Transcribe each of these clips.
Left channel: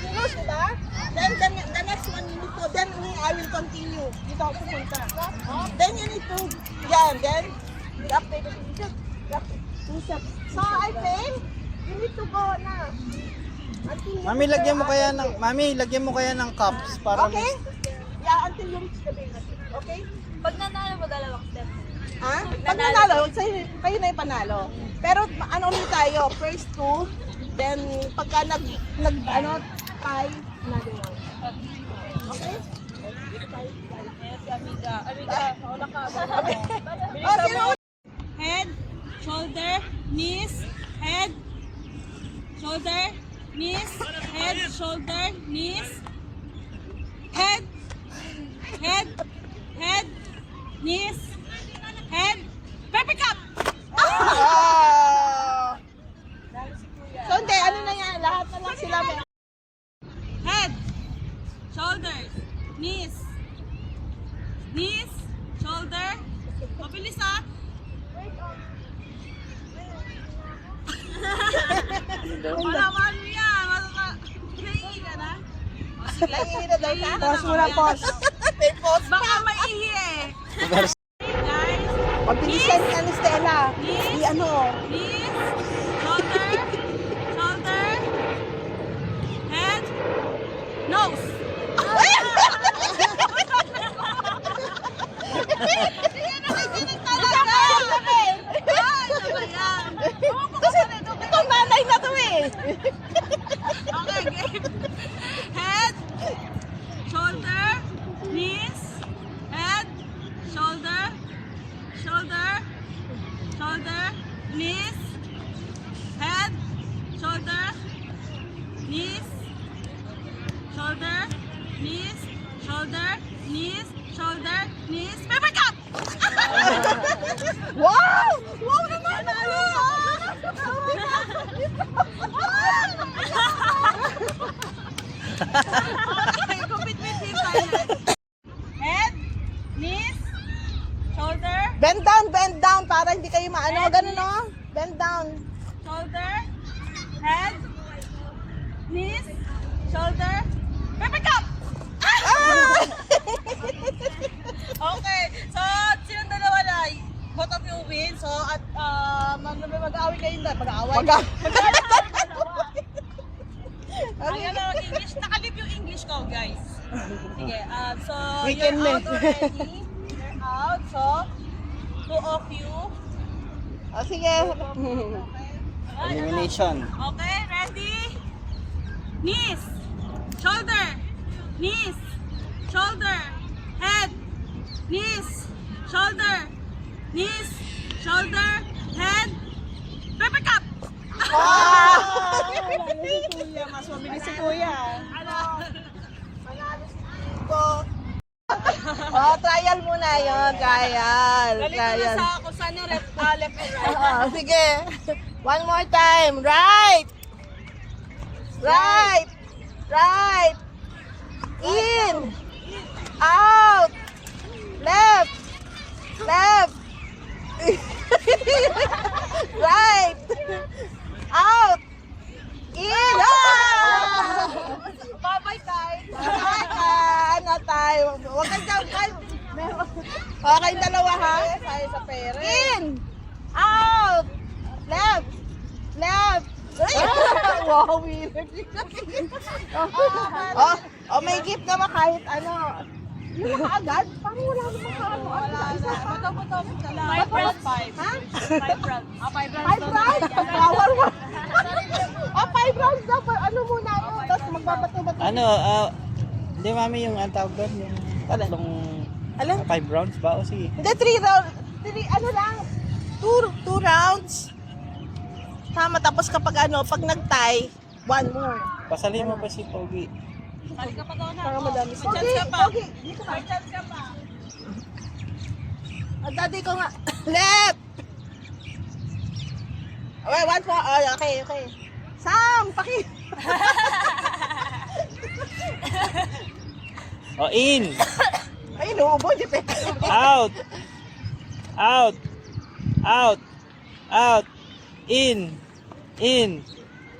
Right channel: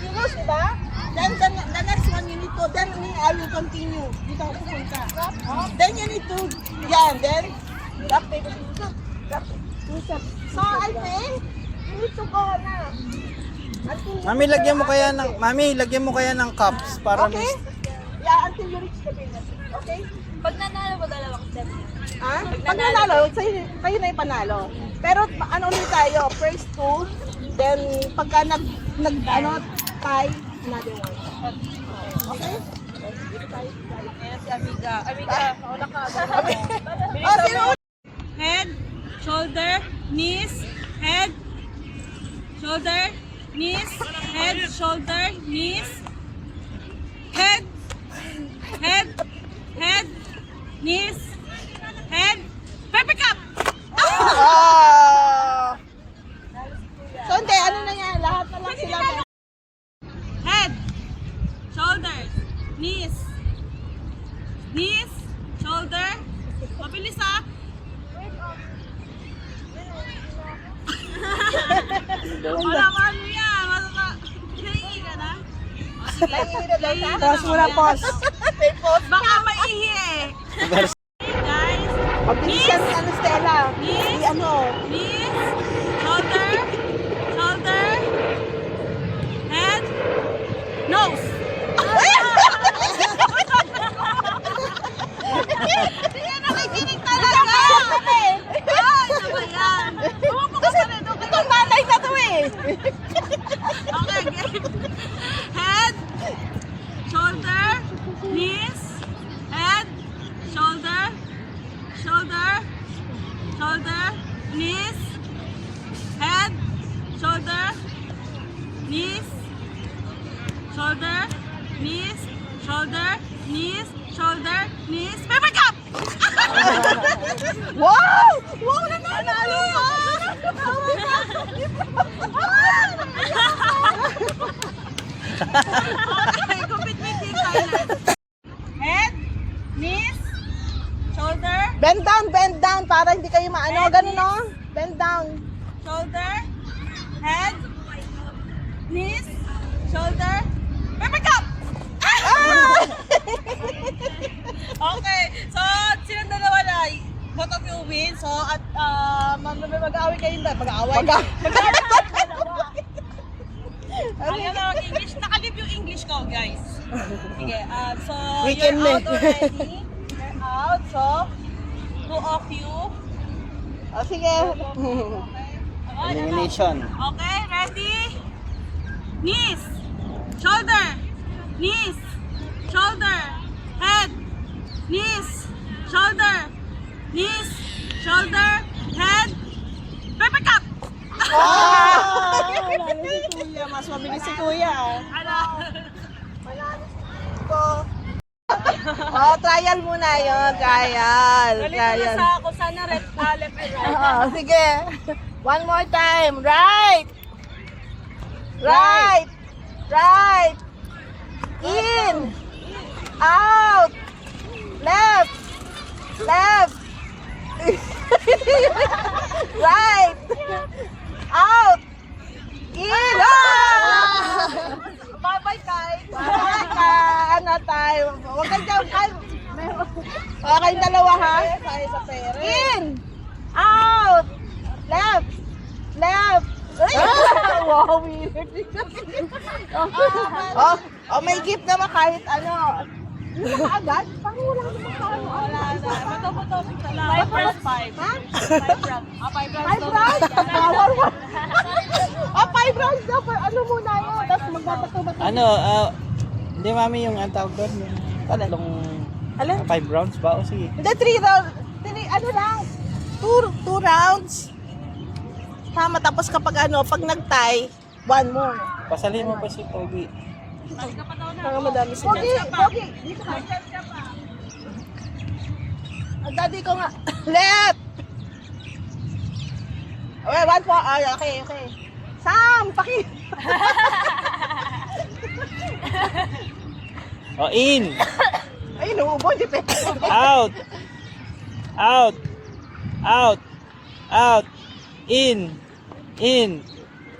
Serious, diba? Then the next one you need to, then I will continue. Dito ako pupunta. Then you need to, yan, then, drop it. So I think, you need to go na. Until you Mami, reach lagyan mo the- kaya ng lagyan mo kaya ng cups para Okay? Yeah, until you reach the base. Okay? Pag nanalo mo, dalawang step. Ha? Pag nanalo, kayo na yung panalo. Pero ano ulit tayo, first two, then pagka tie, another one. Okay? Head, shoulder, knees, head, shoulder, knees, head, shoulder, knees, head, head, head, knees, head, paper cup! Oh! So hindi, ano na yan, lahat na lang sila may... Head, shoulders, knees, knees, shoulder, mabilis ha! Wala ba ano yan? Naihi ka na? O sige, naihi na Pause muna, naman. pause. May pause. Baka maihi eh. Guys, Mabilis yan, ano, Stella? Knees. Si ano? knees, shoulder, shoulder, head, nose. Hindi ka nakikinig talaga. Ay, ano ba yan? Umupo ka pa rin. Okay. Itong nanay na to eh. Okay, game. Head, shoulder, knees, head, shoulder, shoulder, shoulder, knees, head, shoulder, knees, shoulder, knees, shoulder, knees, shoulder, knees, paper cup! Wow! Wow, nanalo ka! Okay, compete with Team Thailand. Head, knees, shoulder, Bend down para hindi kayo maano. Ganun no? Bend down. shoulder, head, knees, shoulder, paper cup! Okay, so silang dalawa na, both of you win. So at mag-aaway kayo ba? Mag-aaway. Mag-aaway kayo dalawa. Ayan na English. Nakalip yung English ko, guys. Sige, so We you're can out make. already. You're out. So, two of you. O sige. Okay. Okay, Elimination. Okay, ready? Knees, shoulder, knees, shoulder, head, knees, shoulder, knees, shoulder, head, paper cup! Wow! Lalo si Kuya. Mas mabilis si Kuya. Ano? Go. Oh, trial muna yun. Trial. Trial. Sa kung saan na left and right. Oo, sige. One more time. Right. Right. Right. In. Out. Left. Left. Right. Out. In. Bye-bye, guys. Bye ka. Ano tayo? Huwag kang dyan. Okay, kayong dalawa ha? Tayo sa pere. In. Out. Left. Left. Wow, weird. Oh, may gift naman kahit ano. Yun na kaagad? Parang wala namang kaano. Isa pa. Five rounds, five. Ha? Five rounds. Five rounds. 5 rounds? Power one. Oh, 5 rounds daw. Ano muna yun? Tapos magbabato-bato. Ano, hindi mami yung ang tawag doon, yung tatlong Alin? 5 rounds ba o sige. Hindi, 3 rounds. Ano lang? 2 rounds. Tama, tapos kapag ano, pag nag-tie, 1 more. Pasalin mo pa si Pogi. Kaya madami si Pogi, Pogi, dito ka. Ang daddy ko nga. Left! Okay, 1 more. Ay, okay, okay. Sam, paki. O, in! Ay, nuubo, di pa. Out! Out! Out! Out! In! In!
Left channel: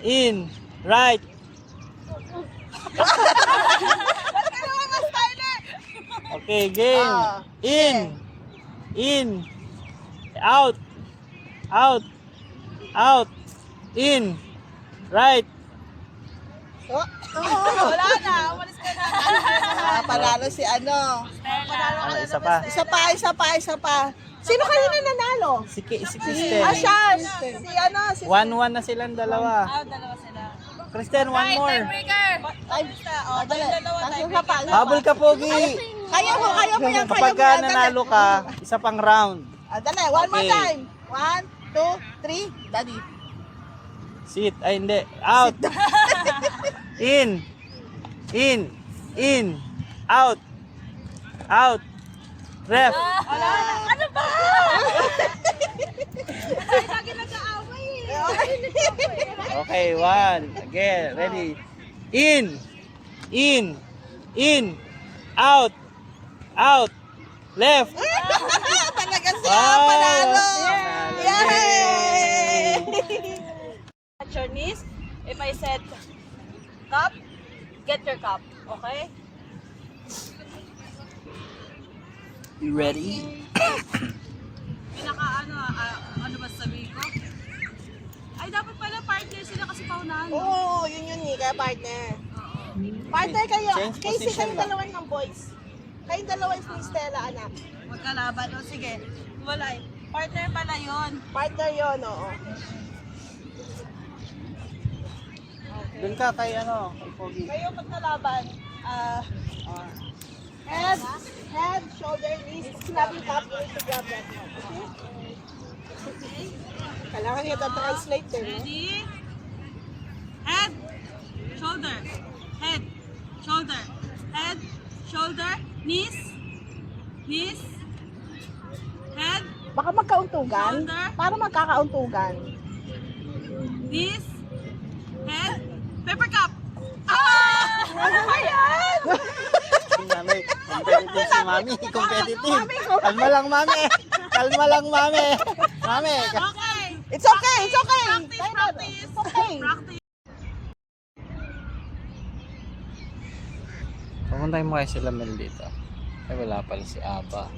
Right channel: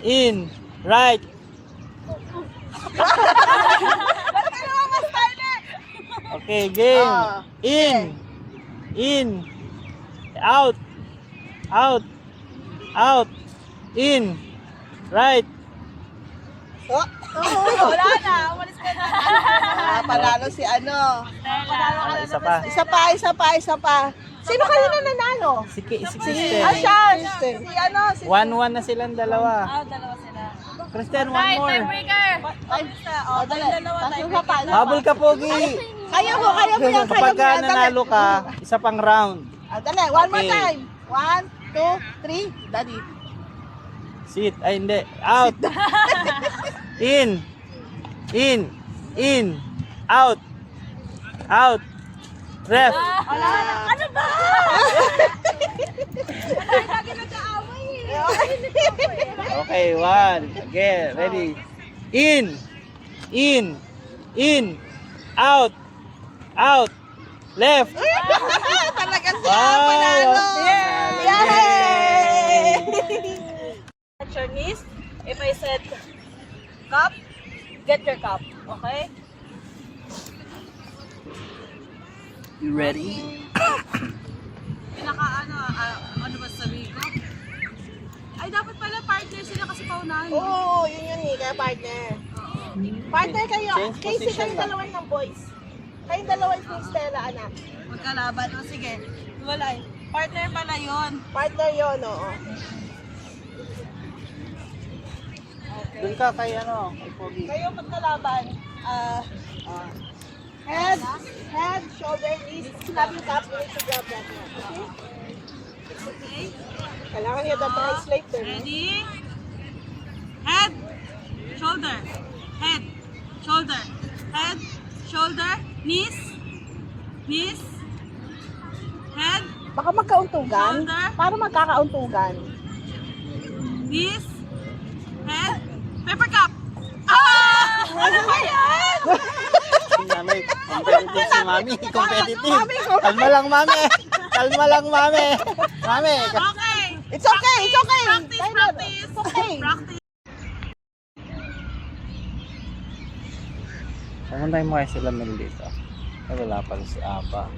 In! Right! Okay, game. Ah, In. In. Out. Out. Out. In. Right. Oh. Wala na, umalis ka na. Panalo si ano. Ah, isa pa. Isa pa. Sino kanina nanalo? Si Ah, Kristen. siya. Si ano, si 1-1 na silang dalawa. Dalawa sila. Kristen, one more. Oh, dalawa tayo. Habol ka, Pogi. Kaya mo yan. Kapag ka nanalo ka, isa pang round. Dali, one more Okay. time. 1, 2, 3, daddy. Sit. Ay, hindi. Out. In. In. In. Out. Out. Ref. Wala na. Ano ba? Lagi nag-aaway eh. Okay, one. Again. Ready. In. In. In. Out. Out. Left. Talaga siya, Wow. panalo. Panalo. Yay! At your knees. If I said cup, get your cup. Okay? You ready? Pinaka ano ba sabihin ko? Ay, dapat pala partner sila kasi paunahan. Oo, yun eh, kaya partner. Oo. Partner kayo. Change Casey, position kayong ba? dalawa ng boys. Kayong dalawa is ni Stella, anak. Magkalaban. O sige. Wala eh. Partner pala yun. Partner yun, oo. Doon ka kay ano, kay Pogi. Kayo magkalaban. Head, shoulder, knees. Sinabi yung cup, you need to grab that one. Okay? Okay? Kailangan niya translate din. Ready? Head, shoulder, head, shoulder, head, shoulder, knees, knees, head, Baka magkauntugan. Shoulder. Para magkakauntugan. knees, head, paper cup. Ah! Ano ba yan? Si Mami, competitive si Mami, competitive. Kalma lang, Mami. Kalma lang, Mami. Mami. Okay. It's okay, it's okay. Practice, Tayo na. practice. It's okay. Practice. Pumuntahin mo kayo sila Mel dito. Ay, wala pala si Aba.